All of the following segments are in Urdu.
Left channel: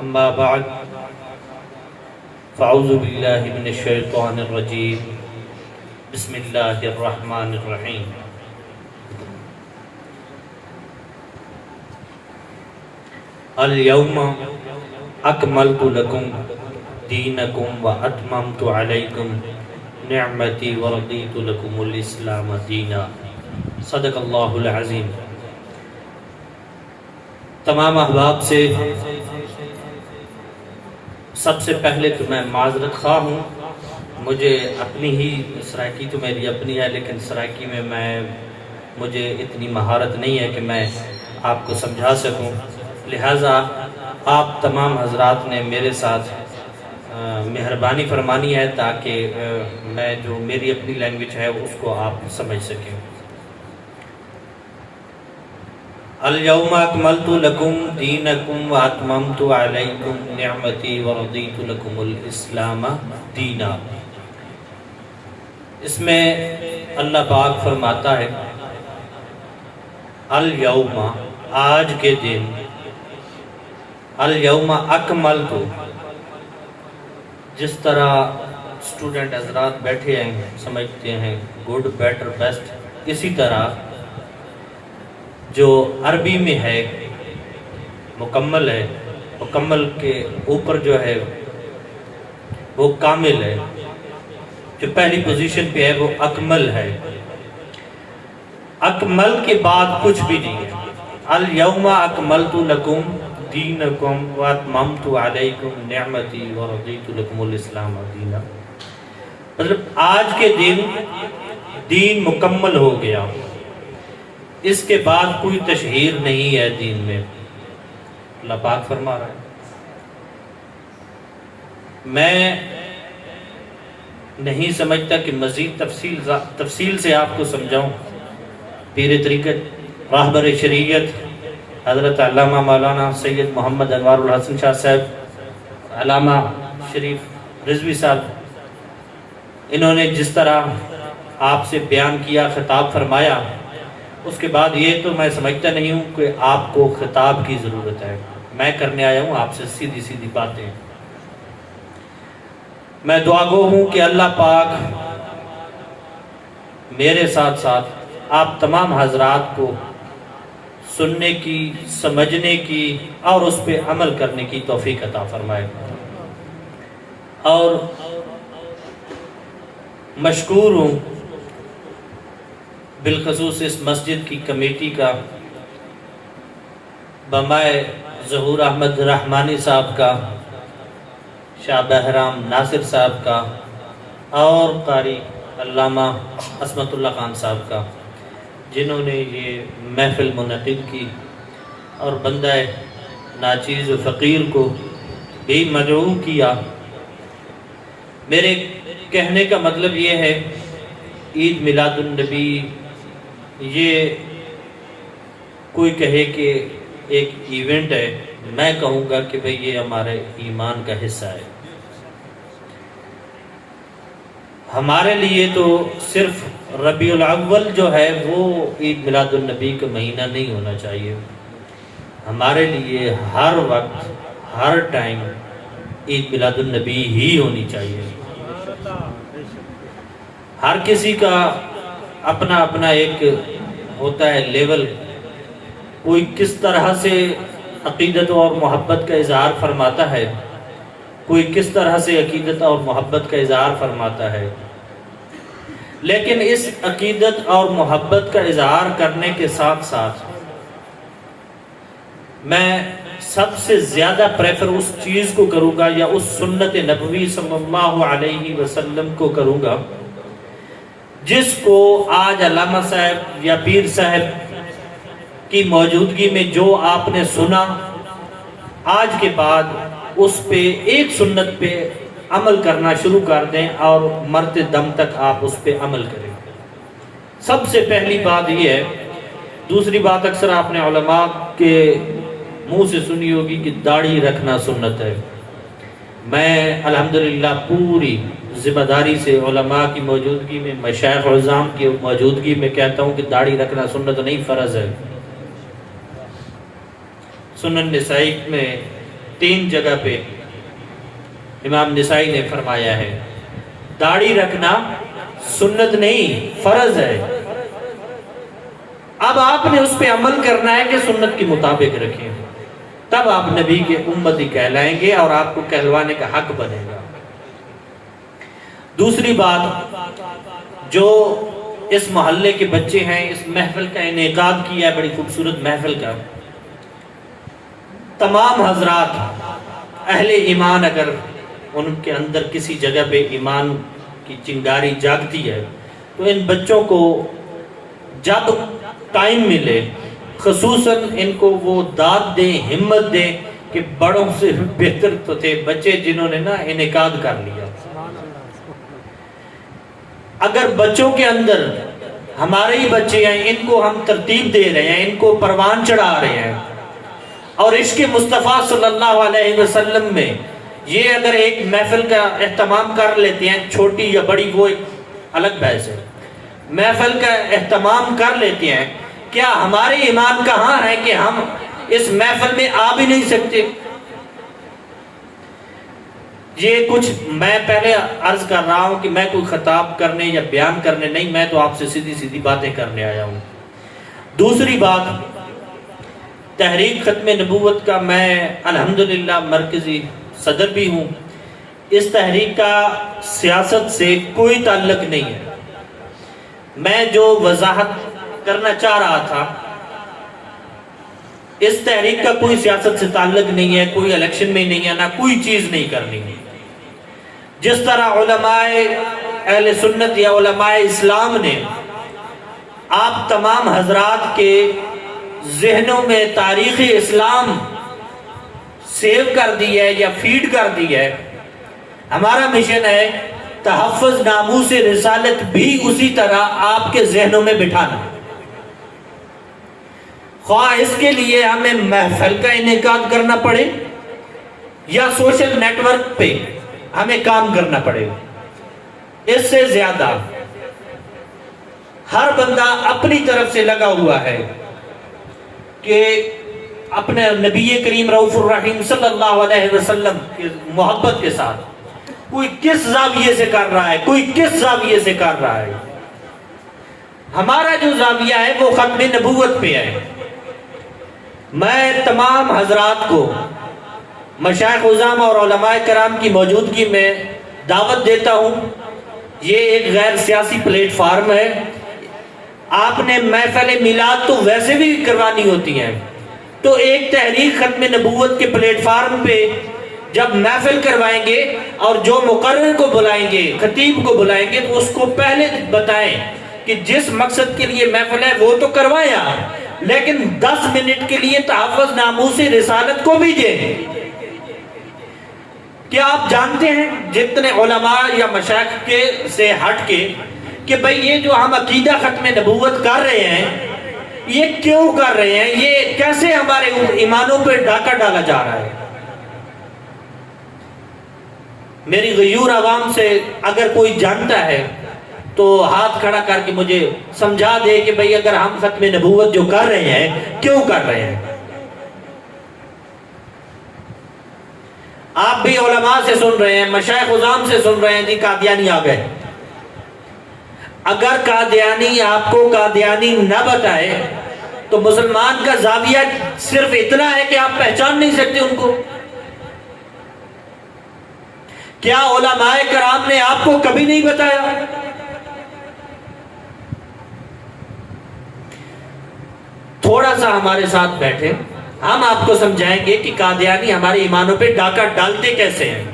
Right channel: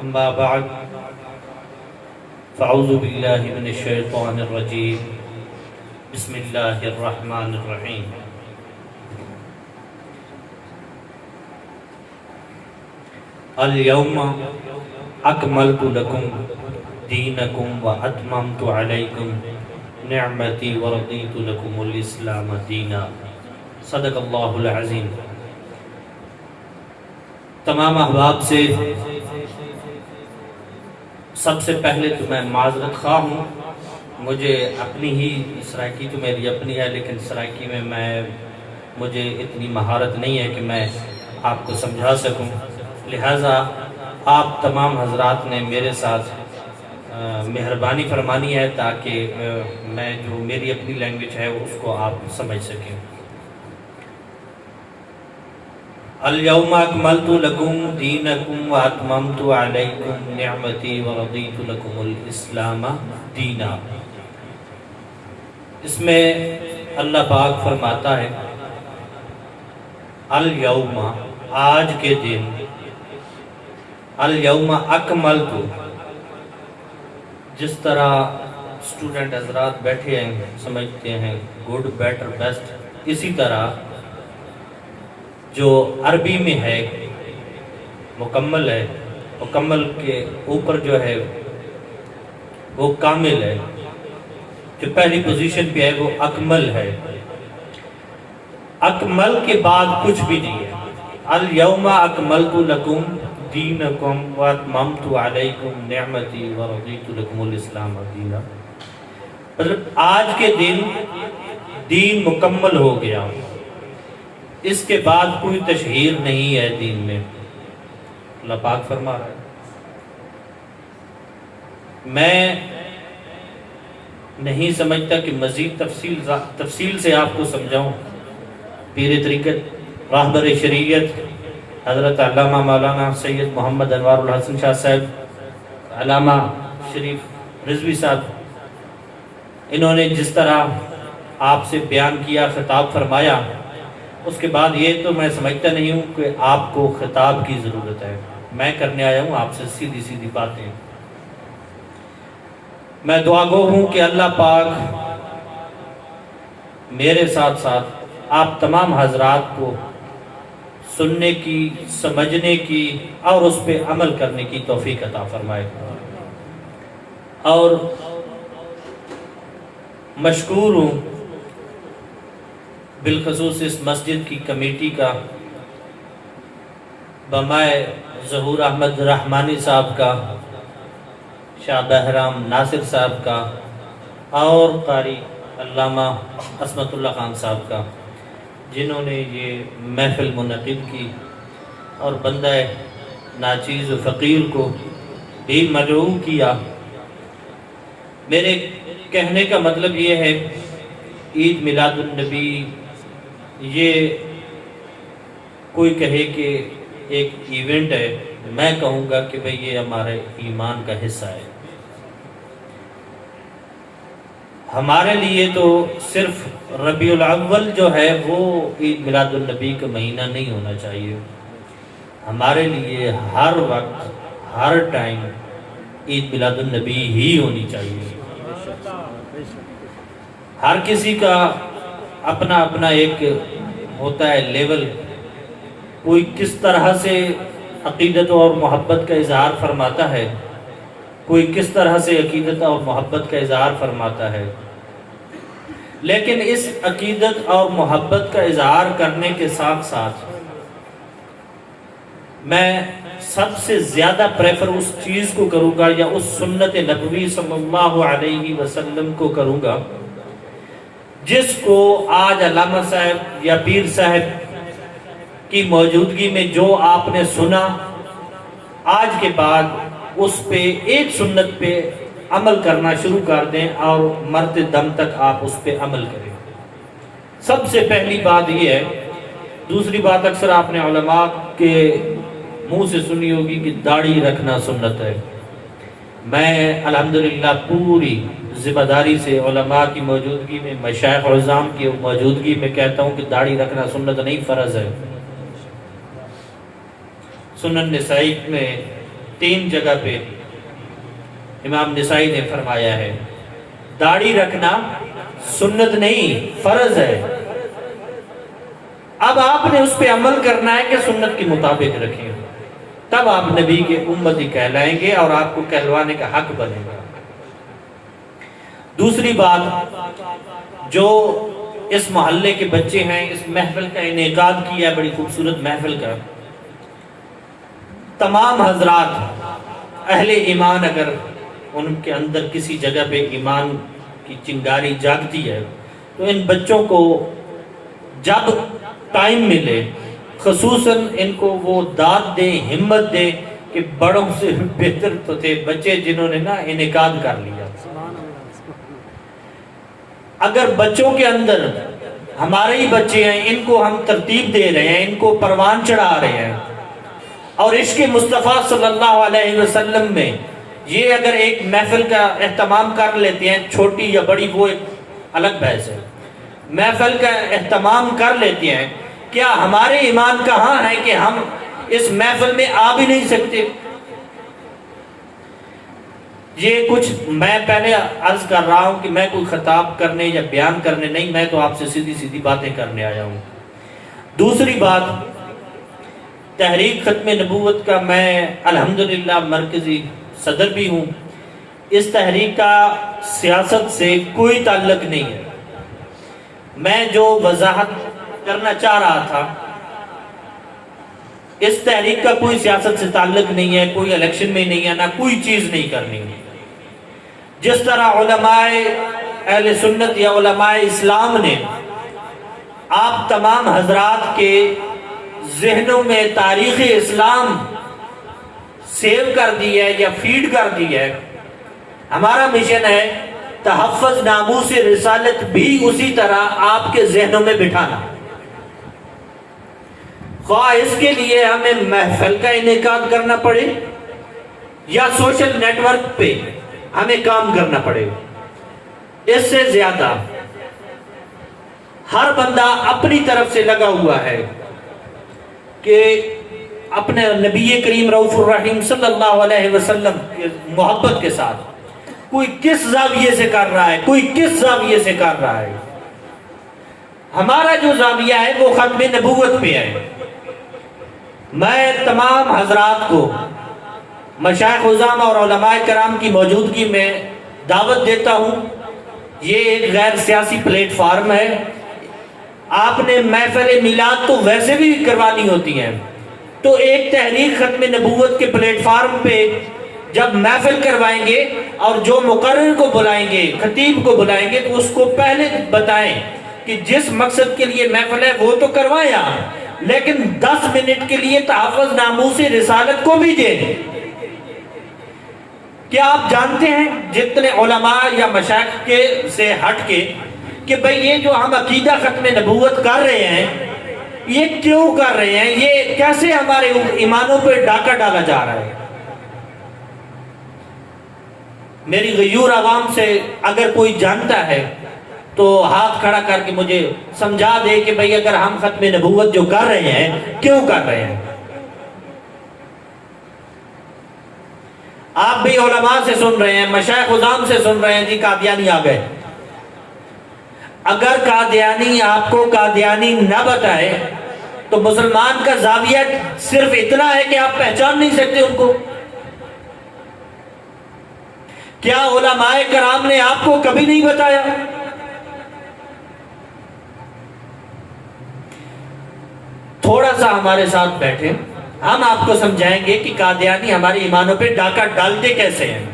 أما بعد فأعوذ بالله من الشيطان الرجيم بسم الله الرحمن الرحيم اليوم أكملت لكم دينكم وأتممت عليكم نعمتي ورضيت لكم الإسلام دينا صدق اللہ العظیم۔ تمام احباب سے سب سے پہلے تو میں معذرت خواہ ہوں، مجھے اپنی ہی سرائکی تو میری اپنی ہے، لیکن سرائکی میں مجھے اتنی مہارت نہیں ہے کہ میں آپ کو سمجھا سکوں، لہٰذا آپ تمام حضرات نے میرے ساتھ مہربانی فرمانی ہے تاکہ میں جو میری اپنی لینگویج ہے اس کو آپ سمجھ سکیں۔ اليوم اکملت لکم دینکم واتممت علیکم نعمتی ورضیت لکم الاسلام دینا۔ اس میں اللہ پاک فرماتا ہے الیوم، آج کے دن، الیوم اکملت، جس طرح اسٹوڈنٹ حضرات بیٹھے ہیں سمجھتے ہیں گڈ، بیٹر، بیسٹ، اسی طرح جو عربی میں ہے مکمل ہے، مکمل کے اوپر جو ہے وہ کامل ہے، جو پہلی پوزیشن پہ ہے وہ اکمل ہے، اکمل کے بعد کچھ بھی نہیں ہے۔ الیوم اکملت لکم دینکم واتممت علیکم نعمتی ورضیت لکم الاسلام دینا، مطلب آج کے دن دین مکمل ہو گیا، اس کے بعد کوئی تشہیر نہیں ہے دین میں، اللہ پاک فرما رہا ہے۔ میں نہیں سمجھتا کہ مزید تفصیل سے آپ کو سمجھاؤں۔ پیر طریقت، راہبر شریعت حضرت علامہ مولانا سید محمد انوار الحسن شاہ صاحب، علامہ شریف رضوی صاحب، انہوں نے جس طرح آپ سے بیان کیا، خطاب فرمایا، اس کے بعد یہ تو میں سمجھتا نہیں ہوں کہ آپ کو خطاب کی ضرورت ہے، میں کرنے آیا ہوں آپ سے سیدھی سیدھی باتیں۔ میں دعا گو ہوں کہ اللہ پاک میرے ساتھ ساتھ آپ تمام حضرات کو سننے کی، سمجھنے کی اور اس پہ عمل کرنے کی توفیق عطا فرمائے۔ اور مشکور ہوں بالخصوص اس مسجد کی کمیٹی کا، بمائے ظہور احمد رحمانی صاحب کا، شاہ بہرام ناصر صاحب کا، اور قاری علامہ عصمت اللہ خان صاحب کا، جنہوں نے یہ محفل منعقد کی اور بندہ ناچیز و فقیر کو بھی مدعو کیا۔ میرے کہنے کا مطلب یہ ہے، عید میلاد النبی یہ کوئی کہے کہ ایک ایونٹ ہے، میں کہوں گا کہ بھئی یہ ہمارے ایمان کا حصہ ہے۔ ہمارے لیے تو صرف ربیع الاول جو ہے وہ عید میلاد النبی کا مہینہ نہیں ہونا چاہیے، ہمارے لیے ہر وقت، ہر ٹائم عید میلاد النبی ہی ہونی چاہیے۔ ہر کسی کا اپنا اپنا ایک ہوتا ہے لیول، کوئی کس طرح سے عقیدت اور محبت کا اظہار فرماتا ہے، کوئی کس طرح سے عقیدت اور محبت کا اظہار فرماتا ہے، لیکن اس عقیدت اور محبت کا اظہار کرنے کے ساتھ ساتھ میں سب سے زیادہ پریفر اس چیز کو کروں گا یا اس سنت نبوی صلی اللہ علیہ وسلم کو کروں گا جس کو آج علامہ صاحب یا پیر صاحب کی موجودگی میں جو آپ نے سنا، آج کے بعد اس پہ ایک سنت پہ عمل کرنا شروع کر دیں اور مرتے دم تک آپ اس پہ عمل کریں۔ سب سے پہلی بات یہ ہے۔ دوسری بات اکثر آپ نے علماء کے منہ سے سنی ہوگی کہ داڑھی رکھنا سنت ہے۔ میں الحمدللہ پوری ذمہ داری سے علماء کی موجودگی میں، مشائخ عظام کی موجودگی میں کہتا ہوں کہ داڑھی رکھنا سنت نہیں، فرض ہے۔ سنن نسائی میں 3 جگہ پہ امام نسائی نے فرمایا ہے داڑھی رکھنا سنت نہیں فرض ہے. اب آپ نے اس پہ عمل کرنا ہے کہ سنت کے مطابق رکھیں، تب آپ نبی کے امتی کہلائیں گے اور آپ کو کہلوانے کا حق بنے گا. دوسری بات، جو اس محلے کے بچے ہیں، اس محفل کا انعقاد کیا ہے، بڑی خوبصورت محفل کا، تمام حضرات اہل ایمان اگر ان کے اندر کسی جگہ پہ ایمان کی چنگاری جاگتی ہے تو ان بچوں کو جب ٹائم ملے خصوصاً ان کو وہ داد دیں، ہمت دیں کہ بڑوں سے بہتر تو تھے بچے جنہوں نے نا انعقاد کر لیا. اگر بچوں کے اندر ہمارے ہی بچے ہیں، ان کو ہم ترتیب دے رہے ہیں، ان کو پروان چڑھا رہے ہیں، اور عشق مصطفیٰ صلی اللہ علیہ وسلم میں یہ اگر ایک محفل کا اہتمام کر لیتے ہیں، چھوٹی یا بڑی وہ ایک الگ بحث ہے، محفل کا اہتمام کر لیتے ہیں، کیا ہمارے ایمان کہاں ہے کہ ہم اس محفل میں آ بھی نہیں سکتے؟ یہ کچھ میں پہلے عرض کر رہا ہوں کہ میں کوئی خطاب کرنے یا بیان کرنے نہیں، میں تو آپ سے سیدھی سیدھی باتیں کرنے آیا ہوں. دوسری بات، تحریک ختم نبوت کا میں الحمدللہ مرکزی صدر بھی ہوں. اس تحریک کا سیاست سے کوئی تعلق نہیں ہے. میں جو وضاحت کرنا چاہ رہا تھا، اس تحریک کا کوئی سیاست سے تعلق نہیں ہے، کوئی الیکشن میں نہیں ہے، نہ کوئی چیز نہیں کرنی ہے. جس طرح علماء اہل سنت یا علماء اسلام نے آپ تمام حضرات کے ذہنوں میں تاریخ اسلام سیو کر دی ہے یا فیڈ کر دی ہے، ہمارا مشن ہے تحفظ ناموس رسالت بھی اسی طرح آپ کے ذہنوں میں بٹھانا. خواہ اس کے لیے ہمیں محفل کا انعقاد کرنا پڑے یا سوشل نیٹ ورک پہ ہمیں کام کرنا پڑے. اس سے زیادہ ہر بندہ اپنی طرف سے لگا ہوا ہے کہ اپنے نبی کریم رؤوف الرحیم صلی اللہ علیہ وسلم کی محبت کے ساتھ کوئی کس زاویے سے کر رہا ہے، کوئی کس زاویے سے کر رہا ہے. ہمارا جو زاویہ ہے وہ ختم نبوت پہ ہے. میں تمام حضرات کو مشائخ عظام اور علماء کرام کی موجودگی میں دعوت دیتا ہوں. یہ ایک غیر سیاسی پلیٹ فارم ہے. آپ نے محفل میلاد تو ویسے بھی کروانی ہوتی ہیں، تو ایک تحریک ختم نبوت کے پلیٹ فارم پہ جب محفل کروائیں گے اور جو مقرر کو بلائیں گے، خطیب کو بلائیں گے، تو اس کو پہلے بتائیں کہ جس مقصد کے لیے محفل ہے وہ تو کروائیں آپ، لیکن 10 منٹ کے لیے تحفظ ناموس رسالت کو بھی دیں. کیا آپ جانتے ہیں جتنے علماء یا مشائخ کے سے ہٹ کے کہ بھئی یہ جو ہم عقیدہ ختم نبوت کر رہے ہیں یہ کیوں کر رہے ہیں، یہ کیسے ہمارے ایمانوں پہ ڈاکہ ڈالا جا رہا ہے؟ میری غیور عوام سے اگر کوئی جانتا ہے تو ہاتھ کھڑا کر کے مجھے سمجھا دے کہ بھئی اگر ہم ختم نبوت جو کر رہے ہیں کیوں کر رہے ہیں. آپ بھی علماء سے سن رہے ہیں، مشائخ عظام سے سن رہے ہیں جی قادیانی آ گئے. اگر قادیانی آپ کو قادیانی نہ بتائے تو مسلمان کا زاویہ صرف اتنا ہے کہ آپ پہچان نہیں سکتے ان کو. کیا علماء کرام نے آپ کو کبھی نہیں بتایا؟ تھوڑا سا ہمارے ساتھ بیٹھے، ہم آپ کو سمجھائیں گے کہ قادیانی ہمارے ایمانوں پہ ڈاکہ ڈالتے کیسے ہیں.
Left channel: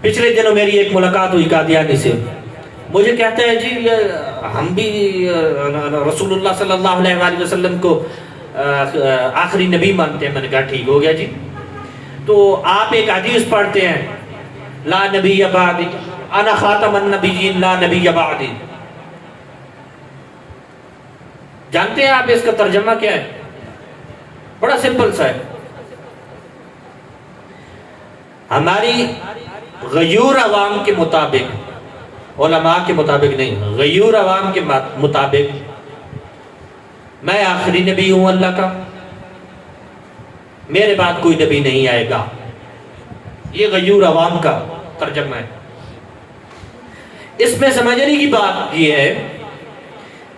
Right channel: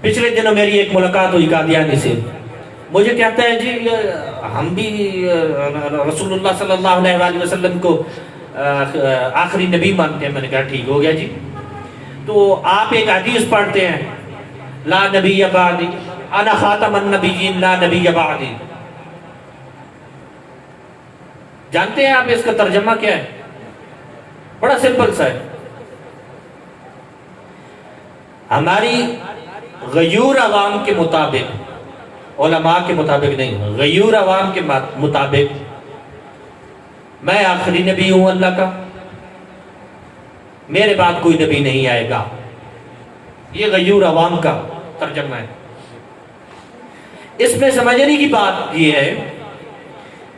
پچھلے دنوں میری ایک ملاقات ہوئی قادیانی سے. مجھے کہتا ہے جی ہم بھی رسول اللہ صلی اللہ علیہ وآلہ وسلم کو آخری نبی مانتے ہیں. میں نے کہا ٹھیک ہو گیا جی، تو آپ ایک حدیث پڑھتے ہیں لا نبی بعدی انا خاتم النبیین لا نبی بعدی. جانتے ہیں آپ اس کا ترجمہ کیا ہے؟ بڑا سمپل سا ہے. ہماری غیور عوام کے مطابق، علماء کے مطابق نہیں، غیور عوام کے مطابق میں آخری نبی ہوں اللہ کا. میرے بعد کوئی نبی نہیں آئے گا. یہ غیور عوام کا ترجمہ ہے. اس میں سمجھنے کی بات یہ ہے،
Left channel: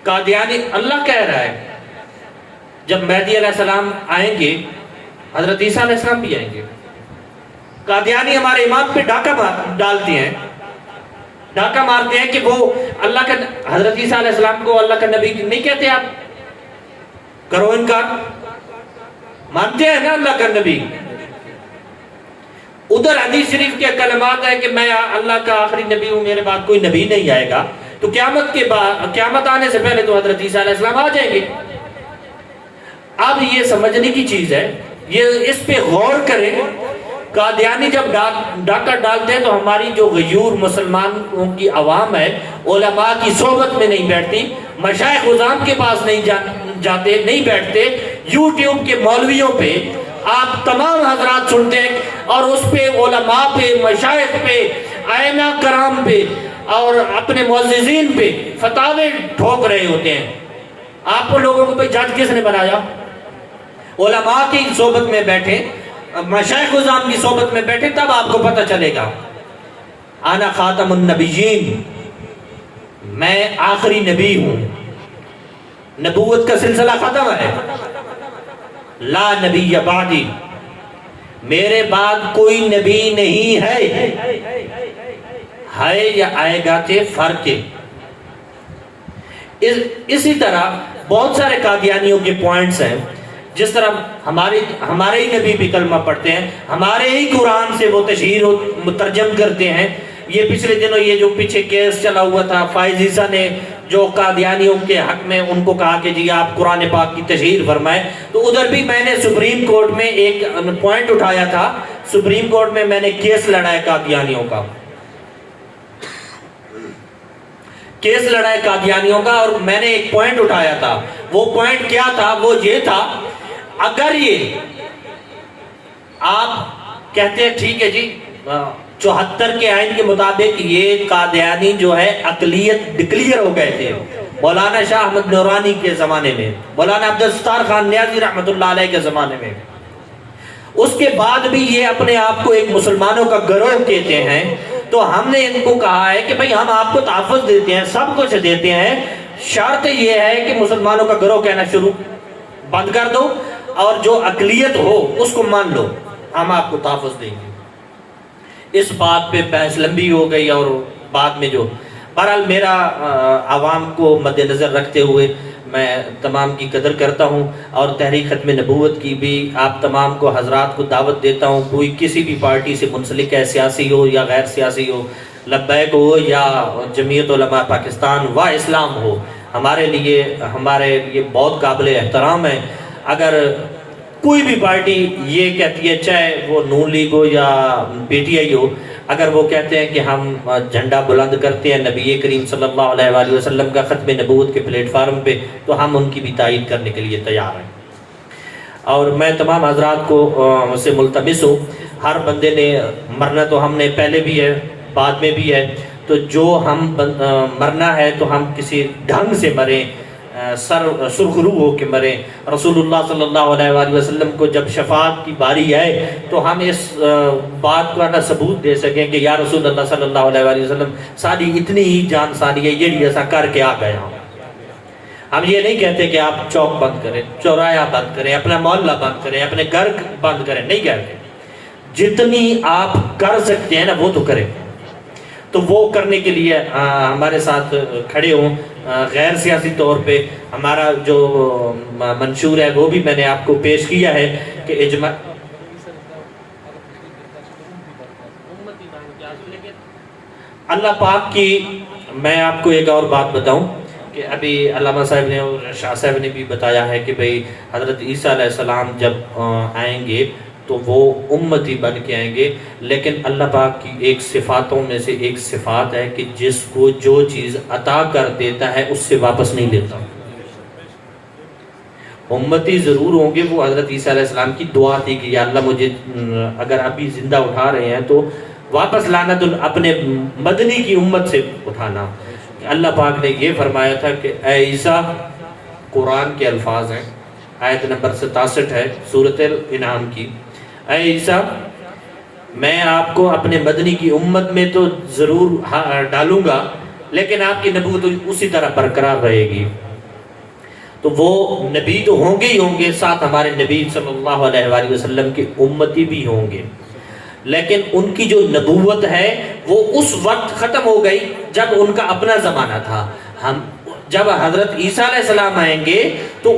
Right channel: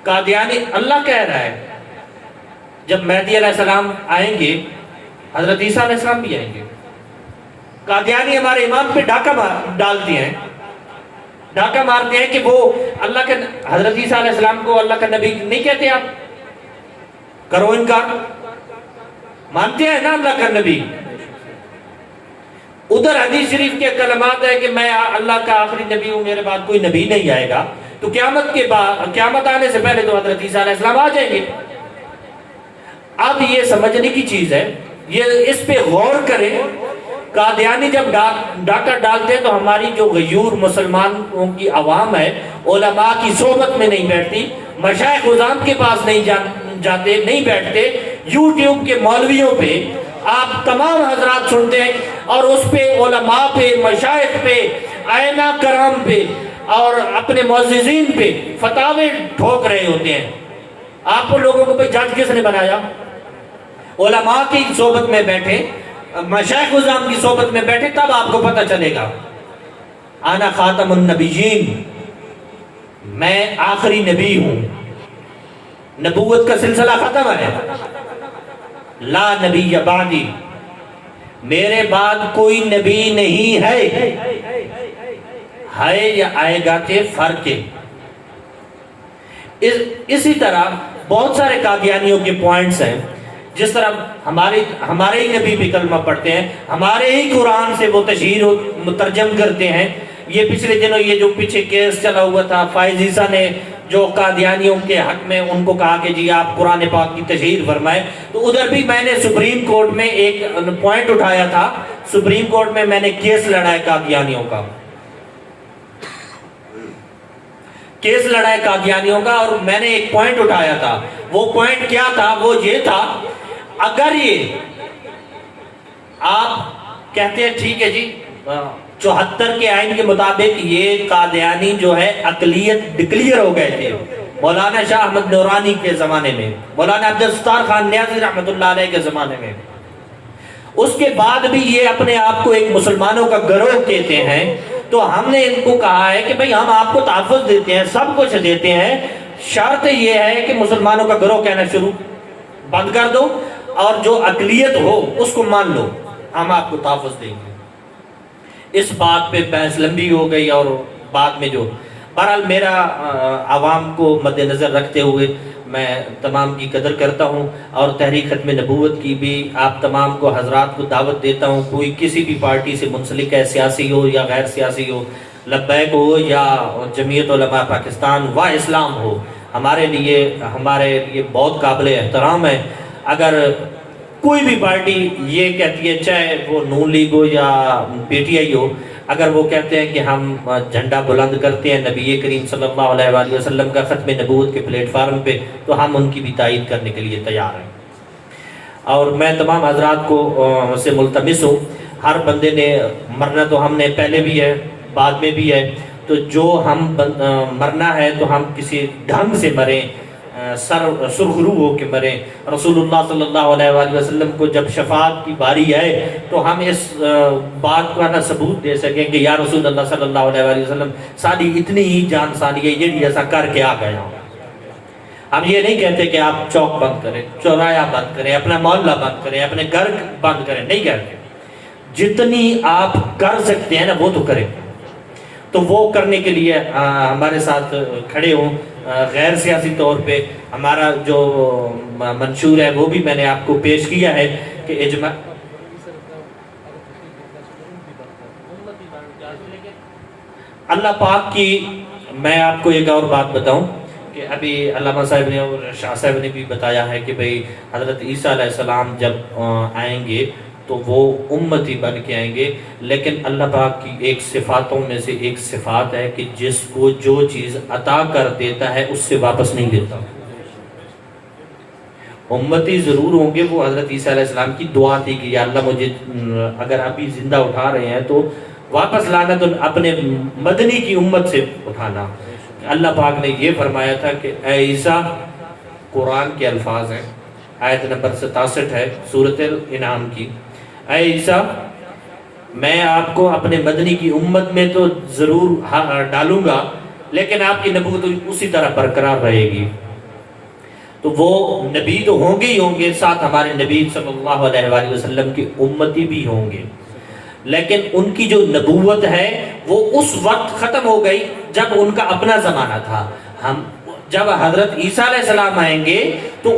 قادیانی اللہ کہہ رہا ہے جب مہدی علیہ السلام آئیں گے حضرت عیسیٰ علیہ السلام بھی آئیں گے. قادیانی ہمارے امام پہ ڈاکہ ڈالتے ہیں، ڈاکہ مارتے ہیں کہ وہ اللہ کا، حضرت عیسیٰ علیہ السلام کو اللہ کا نبی نہیں کہتے. آپ کرو انکار، مانتے ہیں نا اللہ کا نبی. ادھر حدیث شریف کے کلمات ہے کہ میں اللہ کا آخری نبی ہوں، میرے بعد کوئی نبی نہیں آئے گا. تو قیامت کے بعد، قیامت آنے سے پہلے تو حضرت عیسیٰ علیہ السلام آ جائیں گے. اب یہ سمجھنے کی چیز ہے، یہ اس پہ غور کریں. قادیانی جب ڈاکہ ڈالتے ہیں تو ہماری جو غیور مسلمانوں کی عوام ہے علماء کی صحبت میں نہیں بیٹھتی، مشائخ عظام کے پاس نہیں جاتے، نہیں بیٹھتے. یوٹیوب کے مولویوں پہ آپ تمام حضرات سنتے ہیں اور اس پہ علماء پہ، مشائخ پہ، ائمہ کرام پہ اور اپنے معززین پہ فتاوے ٹھوک رہے ہوتے ہیں. آپ لوگوں کو جج کس نے بنایا؟ علماء کی صحبت میں بیٹھے، مشائخ عظام کی صحبت میں بیٹھے، تب آپ کو پتہ چلے گا. انا خاتم النبیین، میں آخری نبی ہوں. نبوت کا سلسلہ ختم ہے. لا نبی بعدی، میرے بعد کوئی نبی نہیں ہے یا آئے گا کے فرق ہے. اسی طرح بہت سارے قادیانیوں کے پوائنٹس ہیں. جس طرح ہمارے ہی نبی بھی کلمہ پڑھتے ہیں، ہمارے ہی قرآن سے وہ تشہیر مترجم کرتے ہیں. یہ پچھلے دنوں یہ جو پیچھے کیس چلا ہوا تھا، فائز عیسیٰ نے جو قادیانیوں کے حق میں ان کو کہا کہ جی آپ قرآن پاک کی تشہیر فرمائیں، تو ادھر بھی میں نے سپریم کورٹ میں ایک پوائنٹ اٹھایا تھا. سپریم کورٹ میں میں نے کیس لڑا ہے قادیانیوں کا، کیس لڑا ہے قادیانیوں کا، اور میں نے ایک پوائنٹ اٹھایا تھا. وہ پوائنٹ کیا تھا؟ وہ یہ تھا، اگر یہ آپ کہتے ہیں ٹھیک ہے جی 74 کے آئین کے مطابق یہ قادیانی جو ہے اقلیت ڈکلیئر ہو گئے تھے مولانا شاہ احمد نورانی کے زمانے میں، مولانا عبدالستار خان نیازی رحمۃ اللہ علیہ کے زمانے میں. اس کے بعد بھی یہ اپنے آپ کو ایک مسلمانوں کا گروہ کہتے ہیں. تو ہم نے ان کو کہا ہے کہ بھئی ہم آپ کو تحفظ دیتے ہیں، سب کچھ دیتے ہیں، شرط یہ ہے کہ مسلمانوں کا گروہ کہنا شروع بند کر دو اور جو اقلیت ہو اس کو مان لو، ہم آپ کو تحفظ دیں گے. اس بات پہ بحث لمبی ہو گئی اور بعد میں جو بہرحال میرا عوام کو مد نظر رکھتے ہوئے میں تمام کی قدر کرتا ہوں اور تحریک ختم نبوت کی بھی آپ تمام کو حضرات کو دعوت دیتا ہوں. کوئی کسی بھی پارٹی سے منسلک ہے، سیاسی ہو یا غیر سیاسی ہو، لبیک ہو یا جمعیت علماء پاکستان و اسلام ہو، ہمارے لیے بہت قابل احترام ہے. اگر کوئی بھی پارٹی یہ کہتی ہے، چاہے وہ نون لیگ ہو یا پی ٹی آئی ہو، اگر وہ کہتے ہیں کہ ہم جھنڈا بلند کرتے ہیں نبی کریم صلی اللہ علیہ وآلہ وسلم کا ختم نبوت کے پلیٹ فارم پہ، تو ہم ان کی بھی تائید کرنے کے لیے تیار ہیں. اور میں تمام حضرات کو سے ملتمس ہوں، ہر بندے نے مرنا تو ہم نے پہلے بھی ہے بعد میں بھی ہے، تو جو ہم مرنا ہے تو ہم کسی ڈھنگ سے مریں، سرخرو ہو کے مریں. رسول اللہ صلی اللہ علیہ وآلہ وسلم کو جب شفاعت کی باری آئے تو ہم اس بات کو نہ ثبوت دے سکیں کہ یا رسول اللہ صلی اللہ علیہ وآلہ وسلم ساری اتنی ہی جان سانی ہے، یہ بھی ایسا کر کے آ گئے. ہم یہ نہیں کہتے کہ آپ چوک بند کریں، چورایا بند کریں، اپنا محلہ بند کریں، اپنے گھر بند کریں، نہیں کہتے. جتنی آپ کر سکتے ہیں نا وہ تو کریں. تو وہ کرنے کے لیے ہمارے ساتھ کھڑے ہوں. غیر سیاسی طور پہ ہمارا جو منشور ہے وہ بھی میں نے آپ کو پیش کیا ہے کہ اجماع اللہ پاک کی. میں آپ کو ایک اور بات بتاؤں کہ ابھی علامہ صاحب نے اور شاہ صاحب نے بھی بتایا ہے کہ بھئی حضرت عیسیٰ علیہ السلام جب آئیں گے تو وہ امتی بن کے آئیں گے، لیکن اللہ پاک کی ایک صفاتوں میں سے ایک صفات ہے کہ جس کو جو چیز عطا کر دیتا ہے اس سے واپس نہیں لیتا. امتی ضرور ہوں گے. وہ حضرت عیسیٰ علیہ السلام کی دعا تھی کہ یا اللہ مجھے اگر ابھی زندہ اٹھا رہے ہیں تو واپس لانا، تو اپنے مدنی کی امت سے اٹھانا. اللہ پاک نے یہ فرمایا تھا کہ اے عیسیٰ، قرآن کے الفاظ ہیں، آیت نمبر 67 ہے سورۃ الانعام کی۔ اے عیسیٰ میں آپ کو اپنے مدنی کی امت میں تو ضرور ڈالوں گا، لیکن آپ کی نبوت اسی طرح برقرار رہے گی۔ تو وہ نبی تو ہوں گے ہی ہوں گے، ساتھ ہمارے نبی صلی اللہ علیہ وآلہ وسلم کی امتی بھی ہوں گے، لیکن ان کی جو نبوت ہے وہ اس وقت ختم ہو گئی جب ان کا اپنا زمانہ تھا۔ جب حضرت عیسیٰ علیہ السلام آئیں گے تو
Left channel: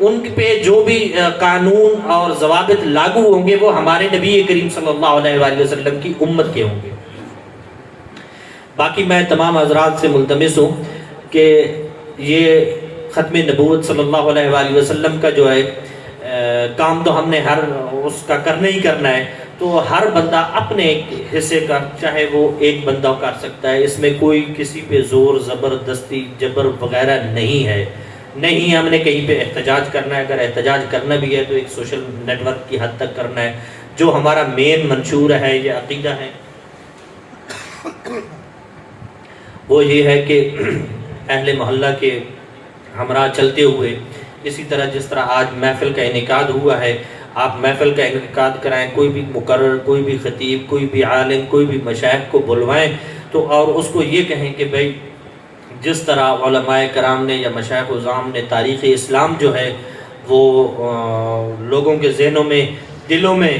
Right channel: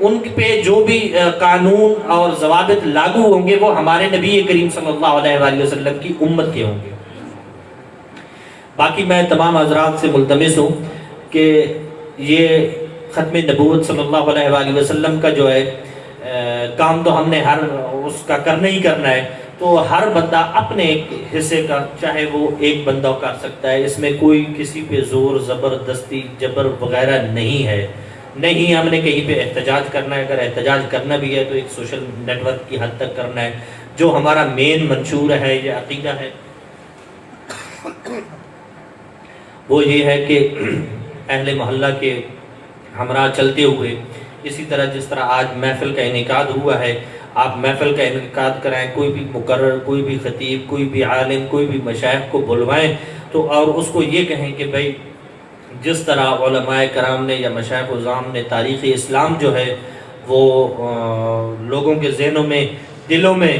ان پہ جو بھی قانون اور ضوابط لاگو ہوں گے وہ ہمارے نبی کریم صلی اللہ علیہ وآلہ وسلم کی امت کے ہوں گے۔ باقی میں تمام حضرات سے ملتمس ہوں کہ یہ ختم نبوت صلی اللہ علیہ وآلہ وسلم کا جو ہے کام تو ہم نے ہر اس کا کرنا ہی کرنا ہے، تو ہر بندہ اپنے حصے کا، چاہے وہ ایک بندہ کر سکتا ہے، اس میں کوئی کسی پہ زور زبردستی جبر وغیرہ نہیں ہے، نہیں ہم نے کہیں پہ احتجاج کرنا ہے۔ اگر احتجاج کرنا بھی ہے تو ایک سوشل نیٹ ورک کی حد تک کرنا ہے۔ جو ہمارا مین منشور ہے، یہ عقیدہ ہے، وہ یہ ہے کہ اہل محلہ کے ہمراہ چلتے ہوئے، اسی طرح جس طرح آج محفل کا انعقاد ہوا ہے، آپ محفل کا انعقاد کرائیں، کوئی بھی مقرر، کوئی بھی خطیب، کوئی بھی عالم، کوئی بھی مشائخ کو بلوائیں تو اور اس کو یہ کہیں کہ بھائی جس طرح علماء کرام نے یا مشائخ اعظام نے تاریخ اسلام جو ہے وہ لوگوں کے ذہنوں میں، دلوں میں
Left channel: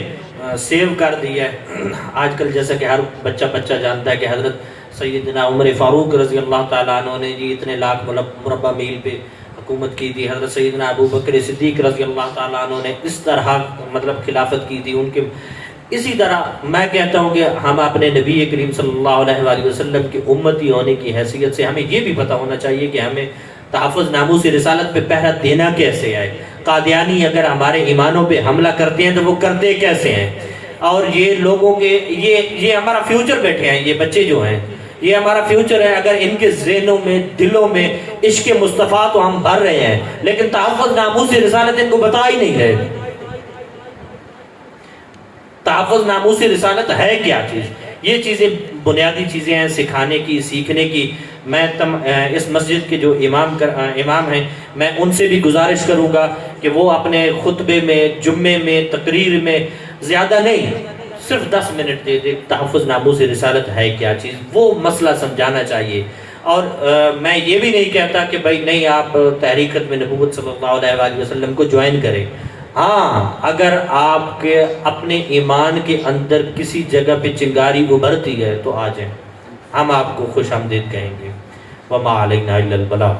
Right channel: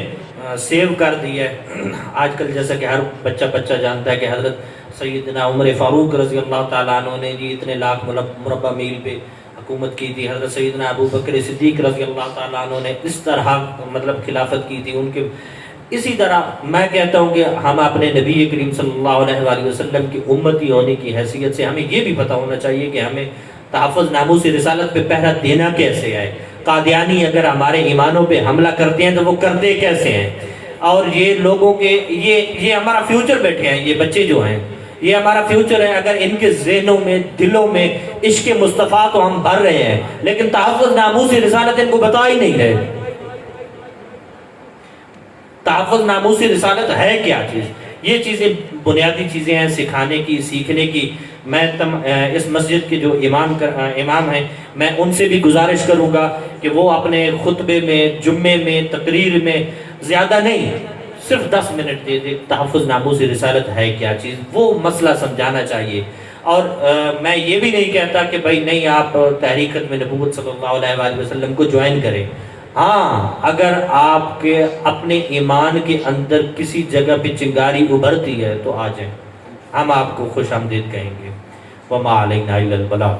سیو کر دیا ہے۔ آج کل جیسا کہ ہر بچہ جانتا ہے کہ حضرت سیدنا عمر فاروق رضی اللہ تعالیٰ عنہ نے جی اتنے لاکھ مربع میل پہ حکومت کی تھی، حضرت سیدنا ابو بکر صدیق رضی اللہ تعالیٰ عنہ نے اس طرح خلافت کی تھی ان کے۔ اسی طرح میں کہتا ہوں کہ ہم اپنے نبی کریم صلی اللہ علیہ وآلہ وسلم کی امتی ہونے کی حیثیت سے ہمیں یہ بھی پتہ ہونا چاہیے کہ ہمیں تحفظ ناموس رسالت پہ پہرا دینا کیسے ہے۔ قادیانی اگر ہمارے ایمانوں پہ حملہ کرتے ہیں تو وہ کرتے کیسے ہیں، اور یہ لوگوں کے یہ ہمارا فیوچر بیٹھے ہیں، یہ بچے جو ہیں یہ ہمارا فیوچر ہے۔ اگر ان کے ذہنوں میں، دلوں میں عشق مصطفیٰ تو ہم بھر رہے ہیں، لیکن تحفظ ناموس رسالت ان کو بتا ہی نہیں رہے۔ تحفظ ناموس رسالت ہے کیا چیز؟ یہ چیزیں بنیادی چیزیں ہیں سکھانے کی، سیکھنے کی۔ میں اس مسجد کے جو امام ہیں میں ان سے بھی گزارش کروں گا کہ وہ اپنے خطبے میں، جمعے میں، تقریر میں زیادہ نہیں، صرف 10 منٹ دے دے تحفظ ناموس رسالت ہے کیا چیز، وہ مسئلہ سمجھانا چاہیے۔ اور میں یہ بھی نہیں کہتا کہ بھائی نہیں آپ تحریک ختم نبوت صلی اللہ علیہ وآلہ وسلم کو جوائن کریں۔ ہاں اگر آپ کے اپنے ایمان کے اندر کسی جگہ پہ چنگاری ابھرتی ہے تو آ جائیں، ہم آپ کو خوش آمدید کہیں گے۔ وما علینا الا البلاغ۔